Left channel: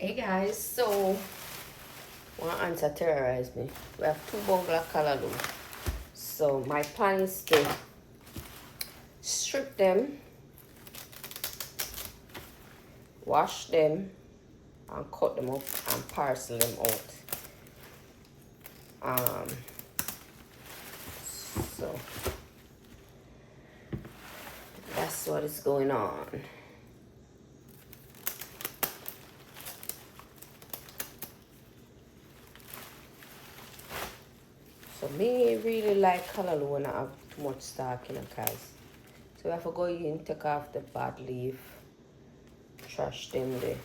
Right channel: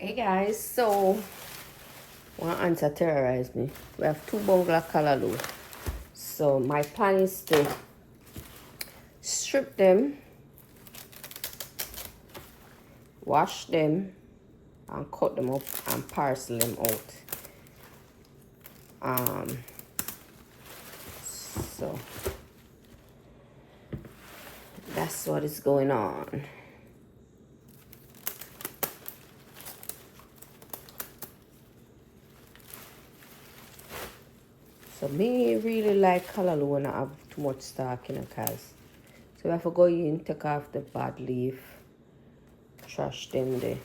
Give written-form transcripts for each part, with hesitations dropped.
Hey guys, so one answer terrorized me. We have 2 bowls of callaloo. So my plan is to strip them, wash them, and cut them up and parcel them out. So that's what is going on. So me really like callaloo when I have too much stock in it, guys. So if I go in, take off the bad leaf, trash them there.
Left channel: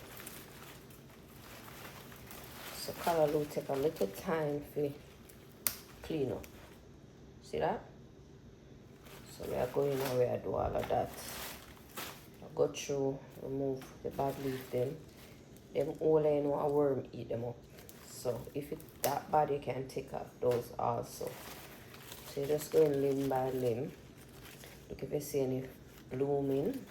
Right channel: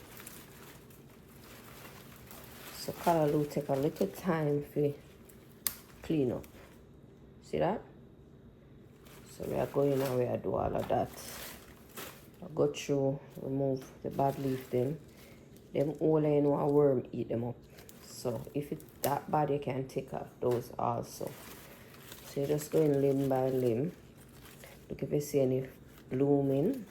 So callaloo take a little time to clean up. See that? So we are going and we are do all of that. I go through, remove the bad leaf them all I know a worm eat them up. So if it's that bad, you can take off those also. So you just go in limb by limb. Look if you see any blooming.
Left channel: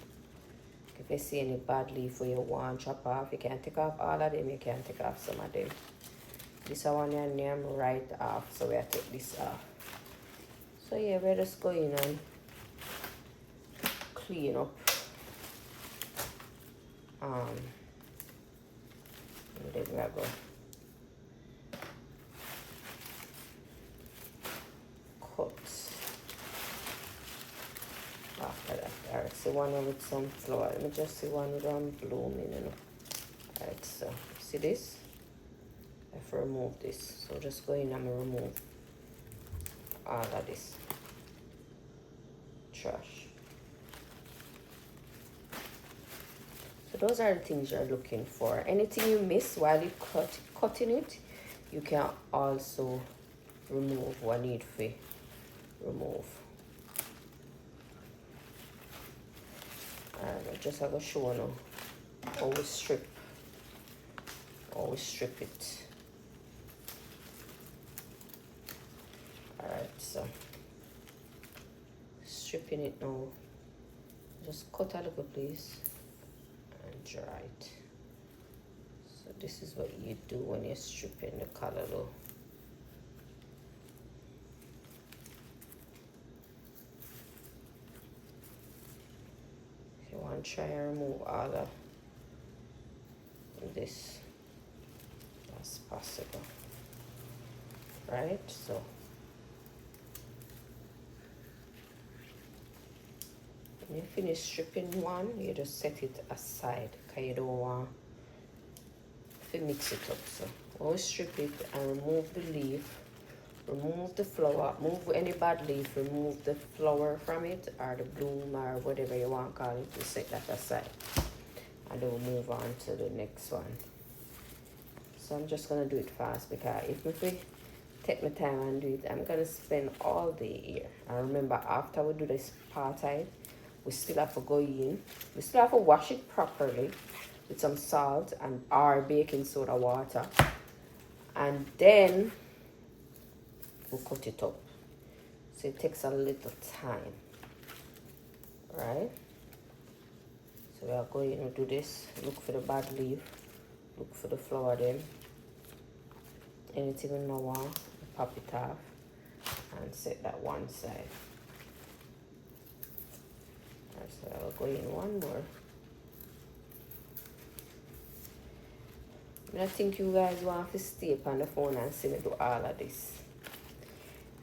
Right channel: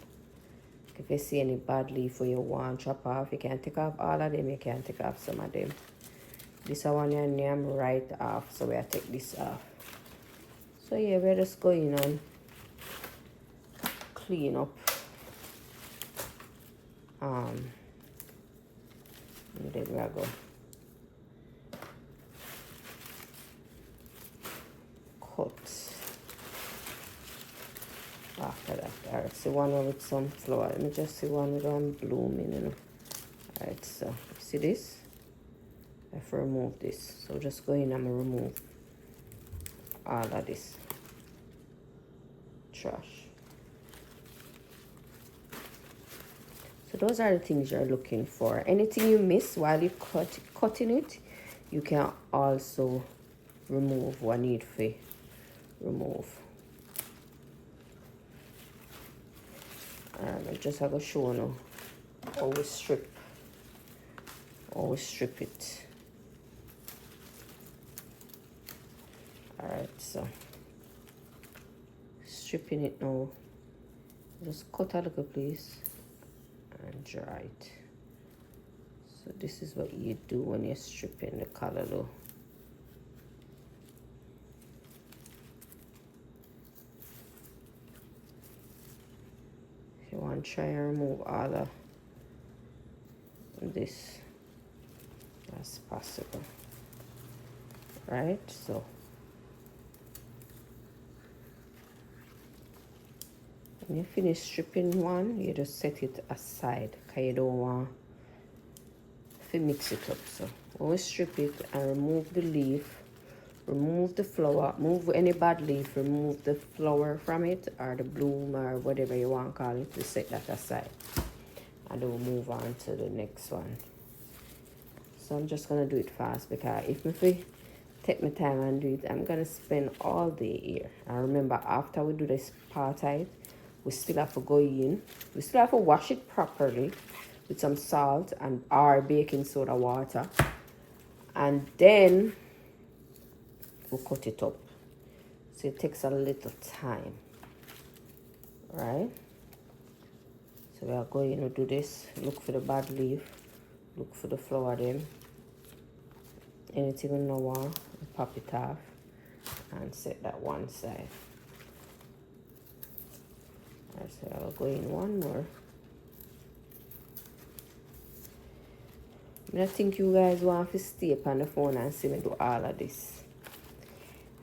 If you see any bad leaf where you want to chop off, you can take off all of them, you can take off some of them. This one your name right off, so we take this off. So yeah, we're just going and clean up. And then we're going cut after that. Alright, see one with some flower. Let me just see one blooming. Alright, so see this? I have to remove this. So just go in and remove all of this trash. So those are the things you're looking for. Anything you miss while you're cutting it, you can also remove what need to remove. I just have a show now how we strip it. Alright, so stripping it now. Just cut a little piece and dry it. So this is what you do when you're stripping the callaloo. If you want to try and remove all of this as possible. Right, so when you finish stripping one, you just set it aside because you don't want to mix it up. So always strip it and remove the leaf, remove the flower, move any bad leaf, remove the flower from it or the bloom or whatever you want to call it. You set that aside and then we'll move on to the next one. So I'm just gonna do it fast because if I take my time and do it, I'm gonna spend all day here. And remember, after we do this apartheid, we still have to go in. We still have to wash it properly with some salt and our baking soda water, and then we'll cut it up. So it takes a little time, right? So we are going to do this. Look for the bad leaf. Look for the flower then. Anything in the wall, pop it off and set that one side. So I'll go in one more. I think you guys want to stay up on the phone and see me do all of this.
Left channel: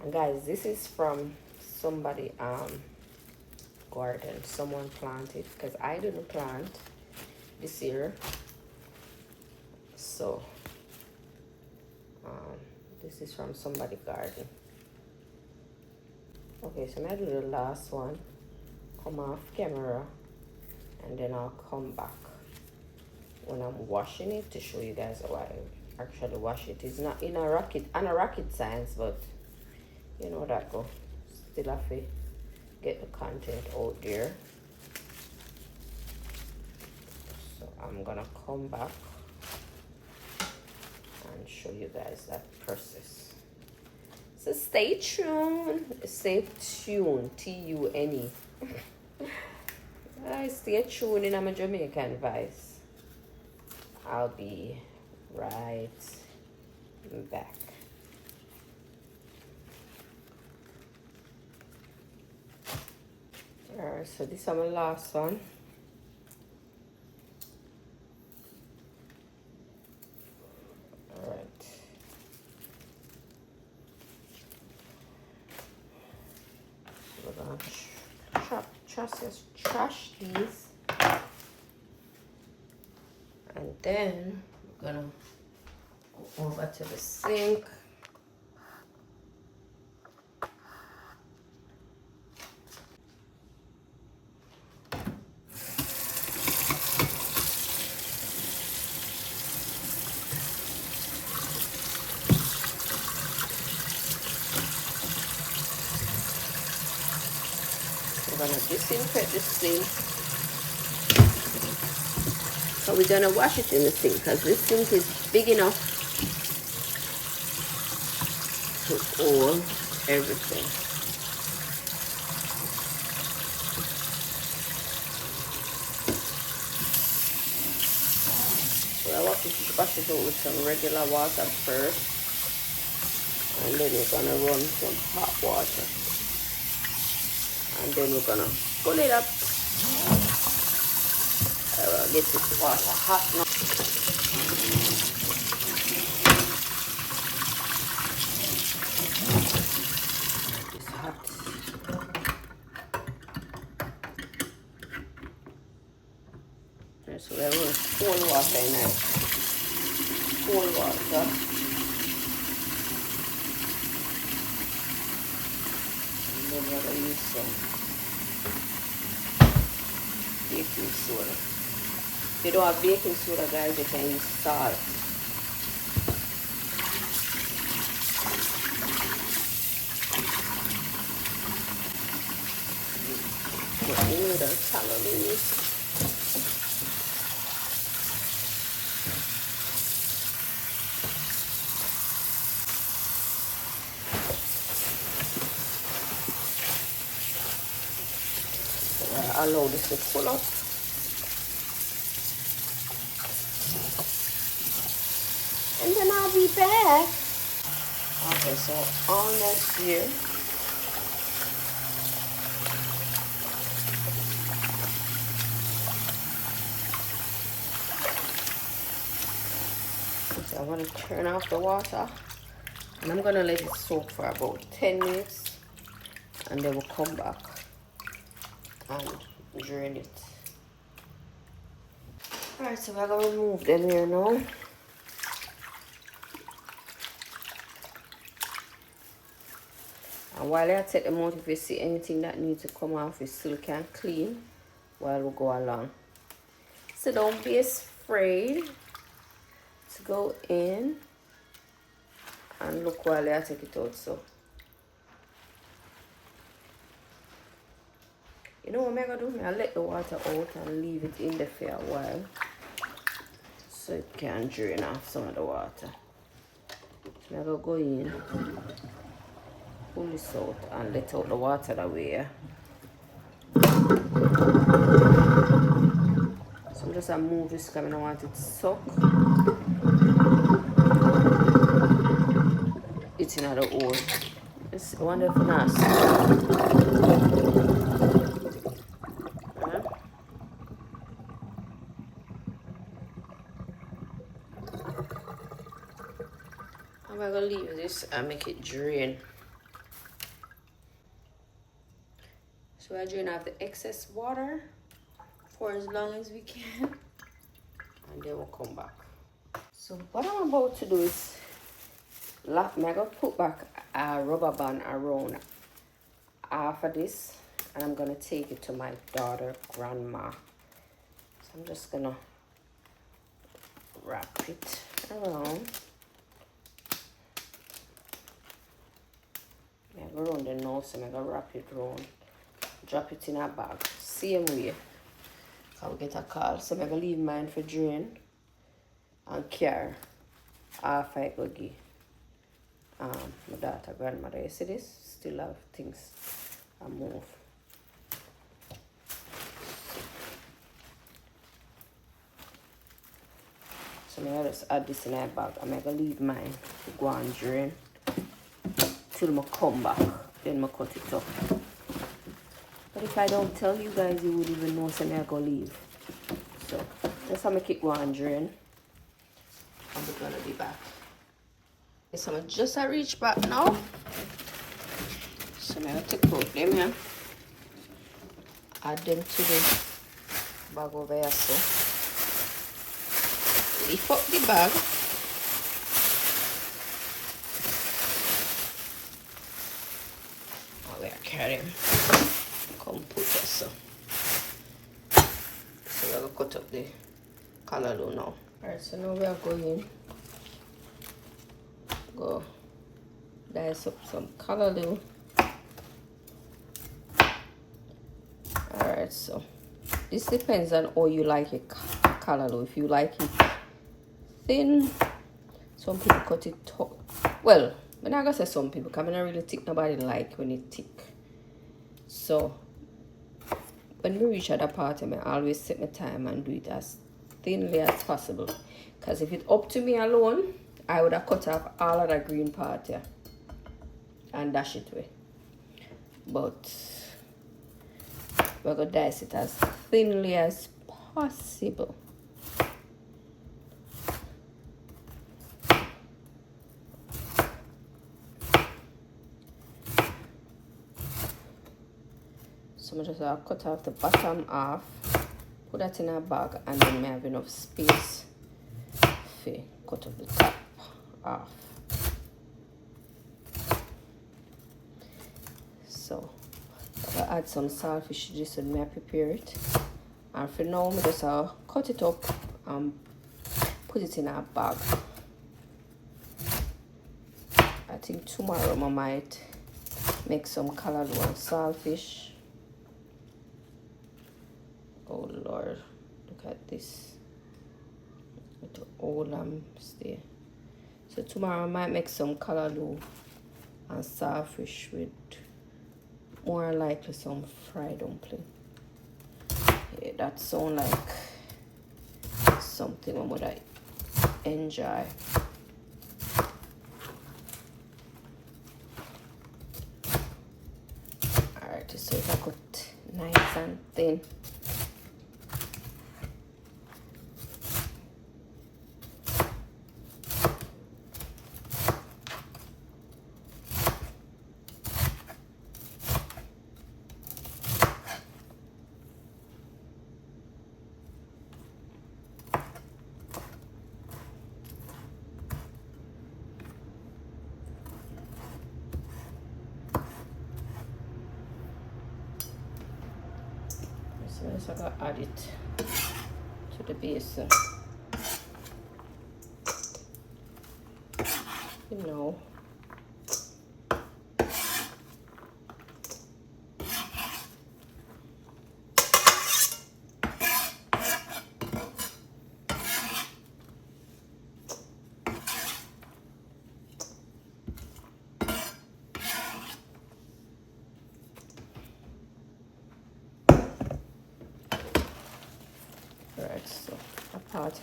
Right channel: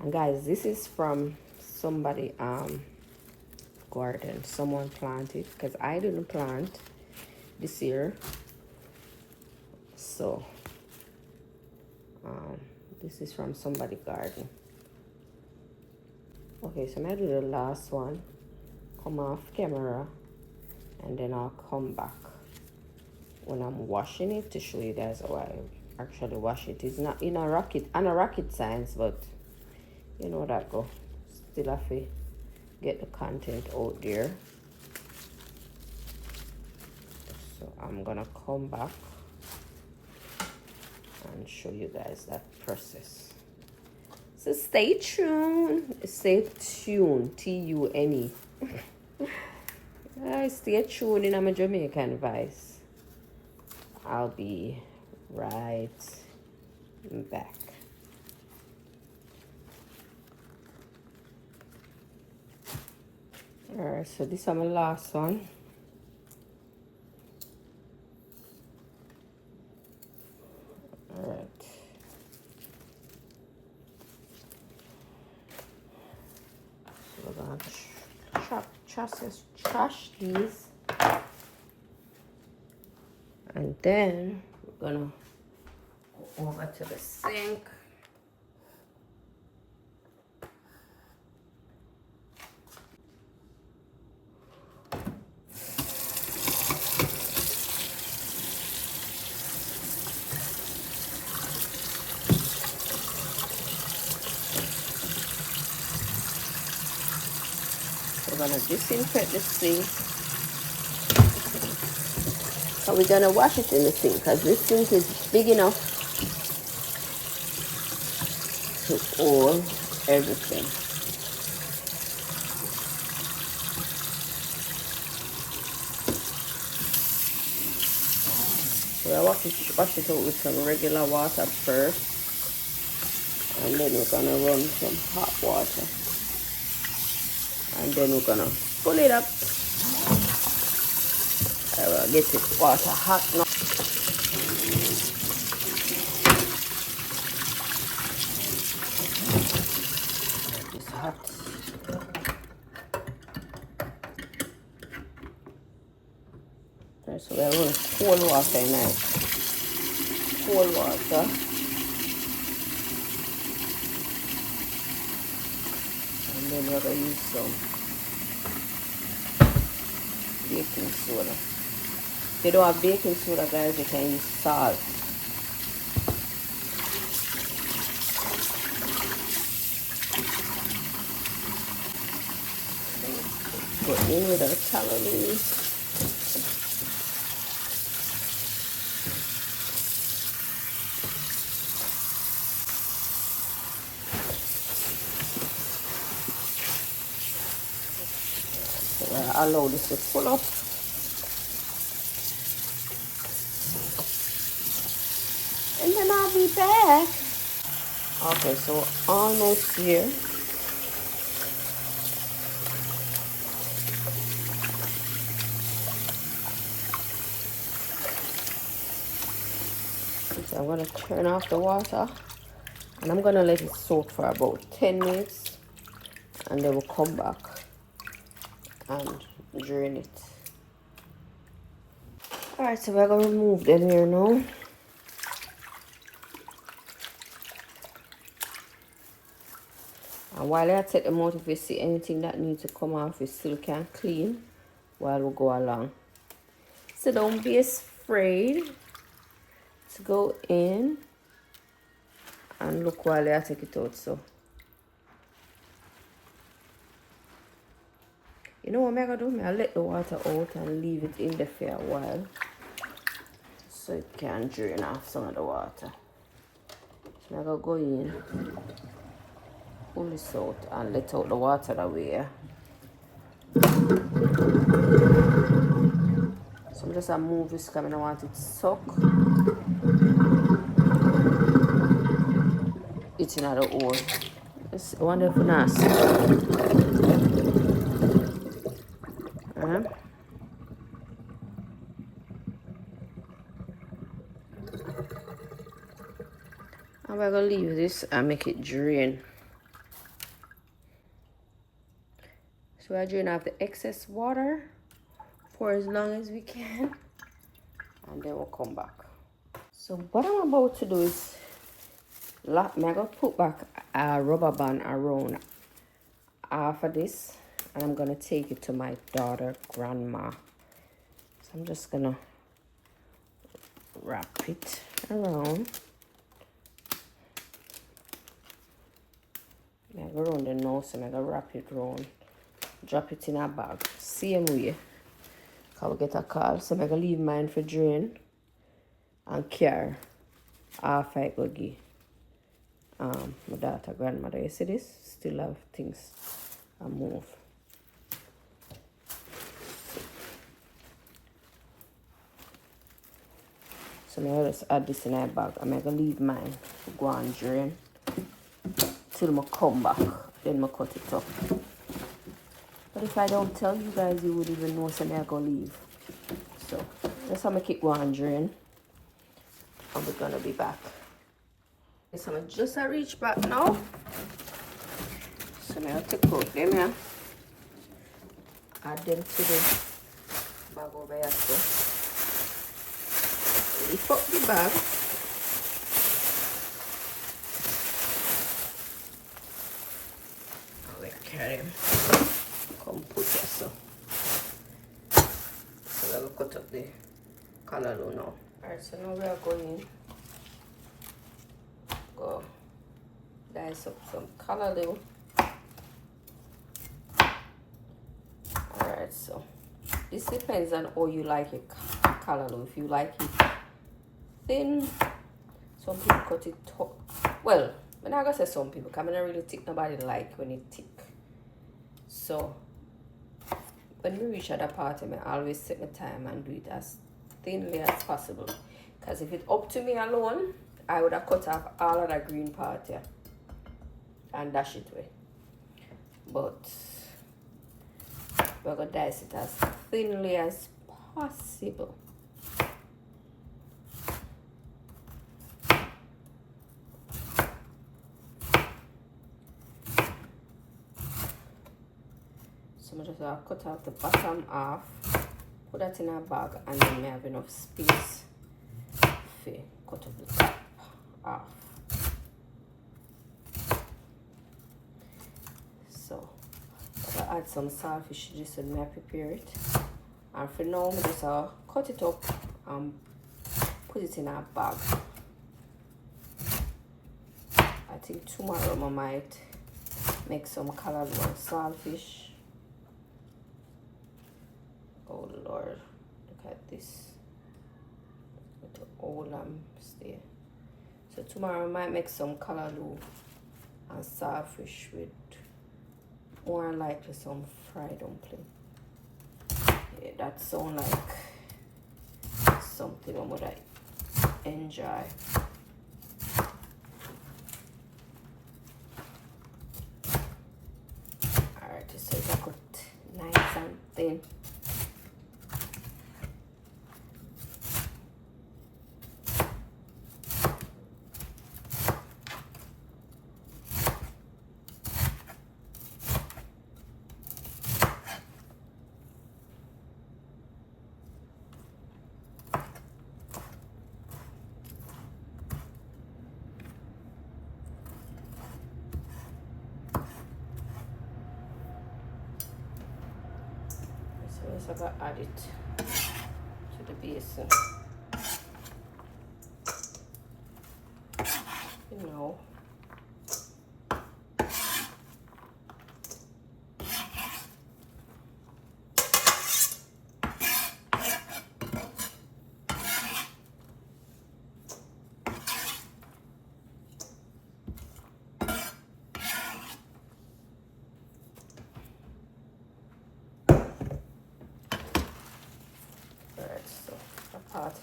And guys, this is from somebody garden. Someone planted because I didn't plant this year. So this is from somebody garden. Okay, so I'm gonna do the last one, come off camera, and then I'll come back when I'm washing it to show you guys how I actually wash it. It's not in a rocket science, but you know that go. Still have to get the content out there. So I'm gonna come back and show you guys that process. So stay tuned. Stay tuned. T-U-N-E. Stay tuned in my Jamaican voice. I'll be right back. Alright, so this is my last one. Alright. So we're gonna trash these. And then we're gonna go over to the sink. We're gonna disinfect the sink. So we're gonna wash it in the sink because this sink is big enough to hold everything. So I wash it out with some regular water first, and then we're gonna run some hot water, and then we're gonna pull it up. Get this water hot now. It's hot. So we're going to pour water in there. Pour water. And then we're going to use some baking soda. If you don't have baking soda, guys, you can use salt. Get rid of the calories. So allow this to pull up. And then I'll be back. Okay, so almost here. So I'm going to turn off the water. And I'm going to let it soak for about 10 minutes. And then we'll come back and drain it. Alright, so we're going to remove them here now. And while I take them out, if you see anything that needs to come off, we still can clean while we go along. So don't be afraid to go in and look while I take it out. So you know what I'm gonna do? I'll let the water out and leave it in there for a while so it can drain off some of the water. So I'm gonna go in, pull this out and let out the water away. So I'm just gonna move this because I don't want it to suck. It's in the hole. It's one of the nasty. I'm gonna leave this and make it drain. So I drain off the excess water for as long as we can, and then we'll come back. So what I'm about to do is I'm gonna put back a rubber band around half of this, and I'm gonna take it to my daughter grandma. So I'm just gonna wrap it around. Yeah, we're on the nose, so I'm gonna wrap it around. Drop it in a bag. Same way. I'll get a call, so I'm gonna leave mine for drain and carry half I go give my daughter grandmother. You see this? Still have things and move. I'll just add this in my bag. I'm gonna leave mine to go and drain till I come back. Then I cut it up. But if I don't tell you guys, you would even know so I'm gonna leave. So just have me keep going drain. And we're gonna be back. So I'm just a reach back now. So I'm gonna take out them here. Add them to the bag over here. So lift up the bag. Now we carry them. Come put this so. So we're gonna cut up the callaloo now. Alright, so now we are going go dice up some callaloo. Alright, so this depends on how you like your callaloo. If you like it thin, some people cut it tough. Well, I'm not gonna say some people, because I'm not really thick. Nobody like when it's thick. So when we reach at that part, I always take my time and do it as thinly as possible. Because if it's up to me alone, I would have cut off all of that green part here and dash it away. But we're gonna dice it as thinly as possible. So I'm just gonna cut out the bottom half, put that in a bag, and then I have enough space to cut up the top half. So I'll add some saltfish to this and I prepare it. And for now, I'm just cut it up and put it in a bag. I think tomorrow I might make some callaloo and saltfish. Oh Lord, look at this. With the old lambs there. So tomorrow I might make some callaloo and saltfish with more likely some fried dumpling. Yeah, that sounds like something I would enjoy. Alright, so if I cut nice and thin. So I'm going to add it to the basin. You know.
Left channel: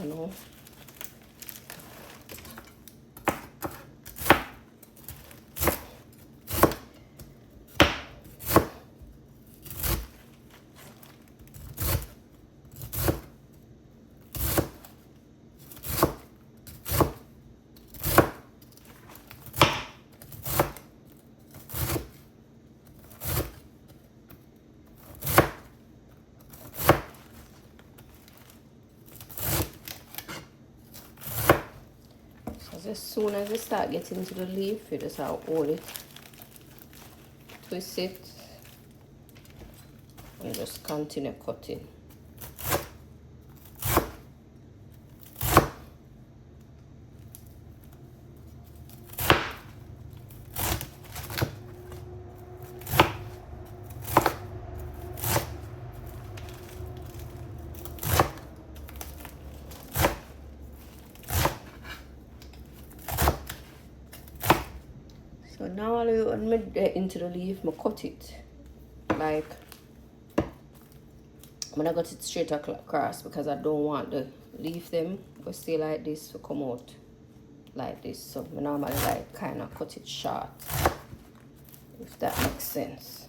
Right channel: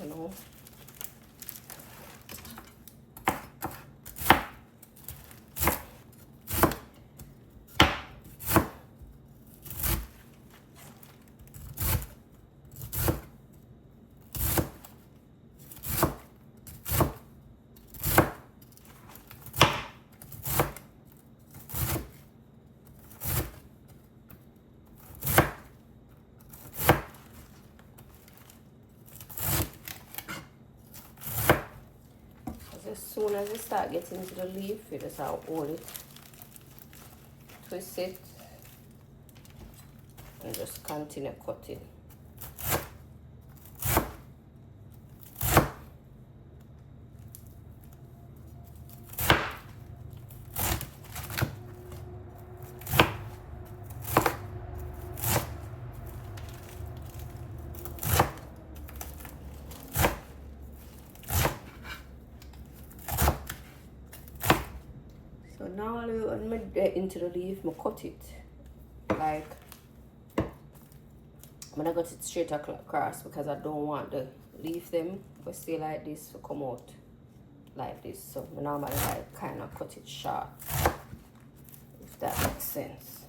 I know. As soon as we start getting to the leaf, we just have to hold it, twist it, and just continue cutting. So now when I get into the leaf, I cut it like I'm gonna cut it straight across because I don't want the leaf them to stay like this to come out like this. So I normally like kind of cut it short, if that makes sense.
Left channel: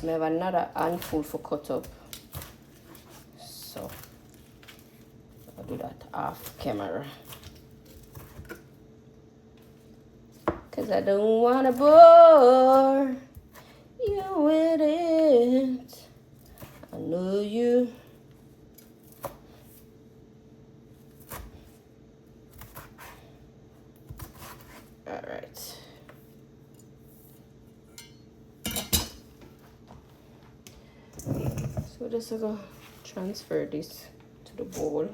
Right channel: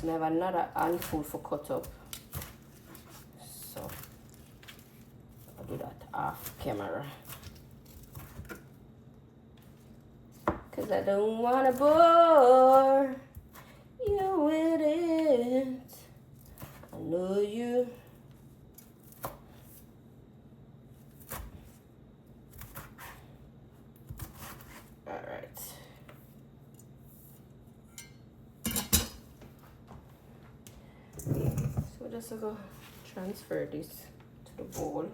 So I have another handful for cut up. So I'll do that off camera. Cause I don't wanna bore you with it. I know you. Alright. So we're just gonna transfer this to the bowl.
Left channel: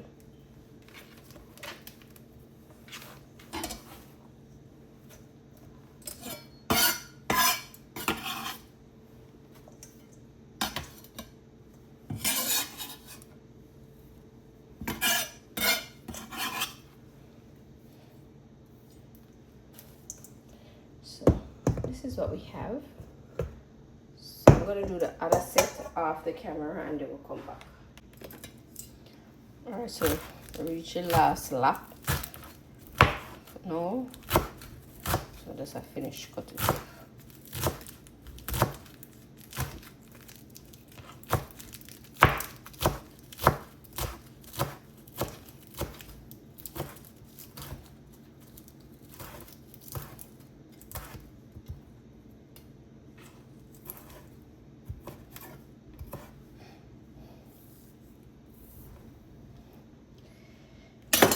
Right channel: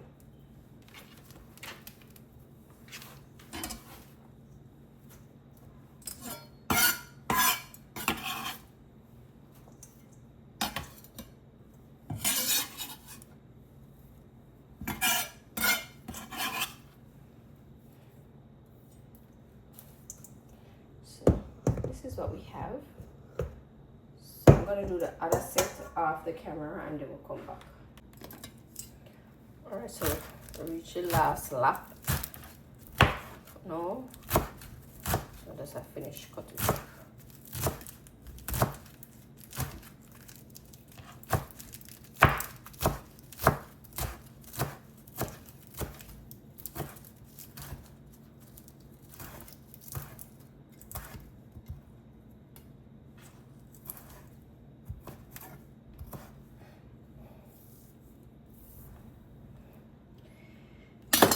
So this is what we have. So I'm gonna do the other set off the camera and then we'll come back. Alright, so reach the last lap. No. So that's I finished cutting.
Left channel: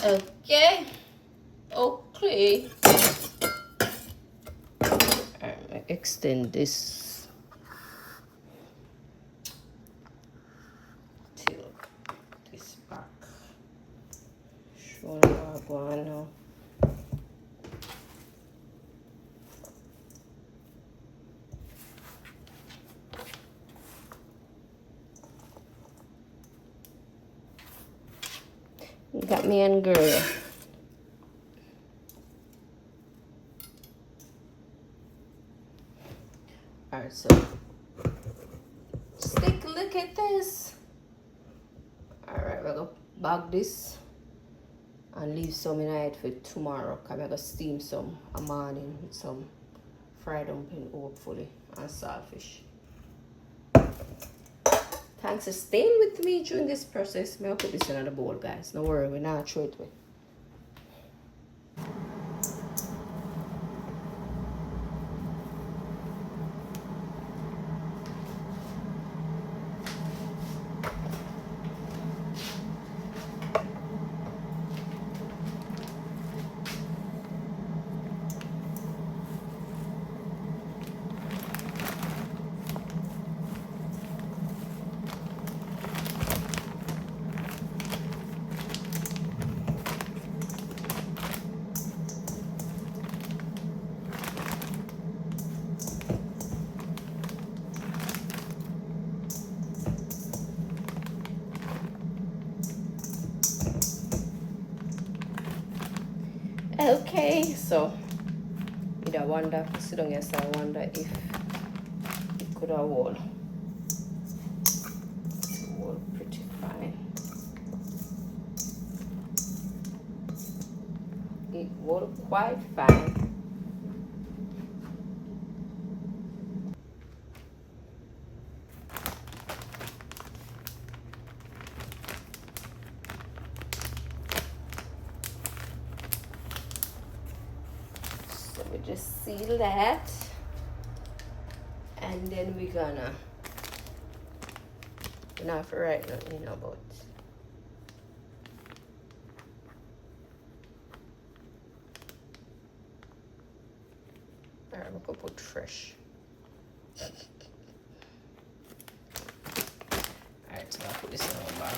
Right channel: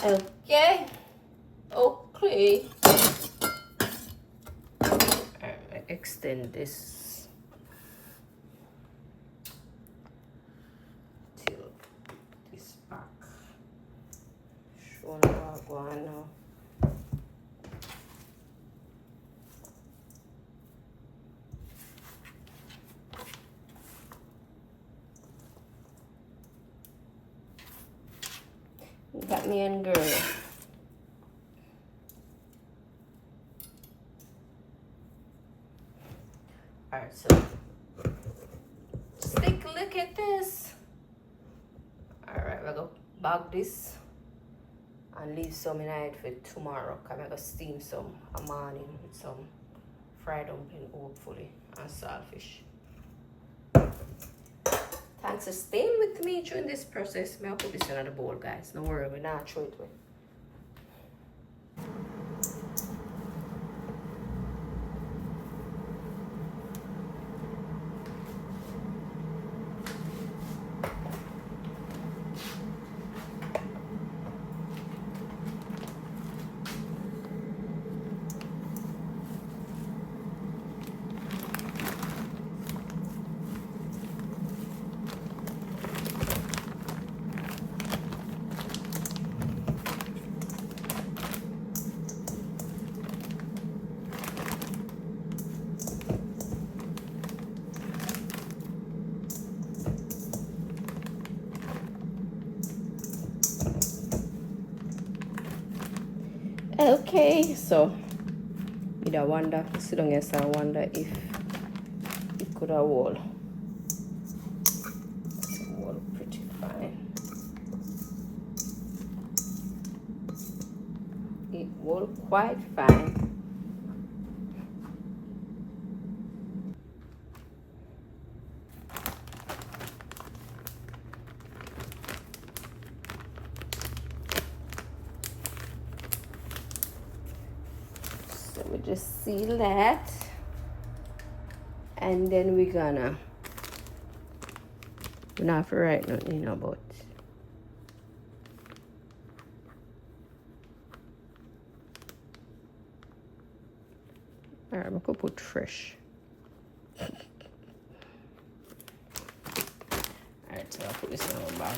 Okay. Okay. Alright, extend this till this back. Show you how I go on now. Got me and girl. Alright, so just take a look at this. Alright, we're gonna bag this and leave some in it for tomorrow. Cause I'm gonna steam some a morning with some fried dumpling hopefully and saltfish. Thanks for staying with me during this process. I'll put this in the bowl, guys. Don't worry, we're not throw it away. Okay, so I wonder, sit down here, so I wonder if it could have hold pretty fine. It hold quite fine. We just seal that, and then we're gonna not for right nothing about. Alright, I'm gonna put fresh. Alright, so I'll put this in our bag.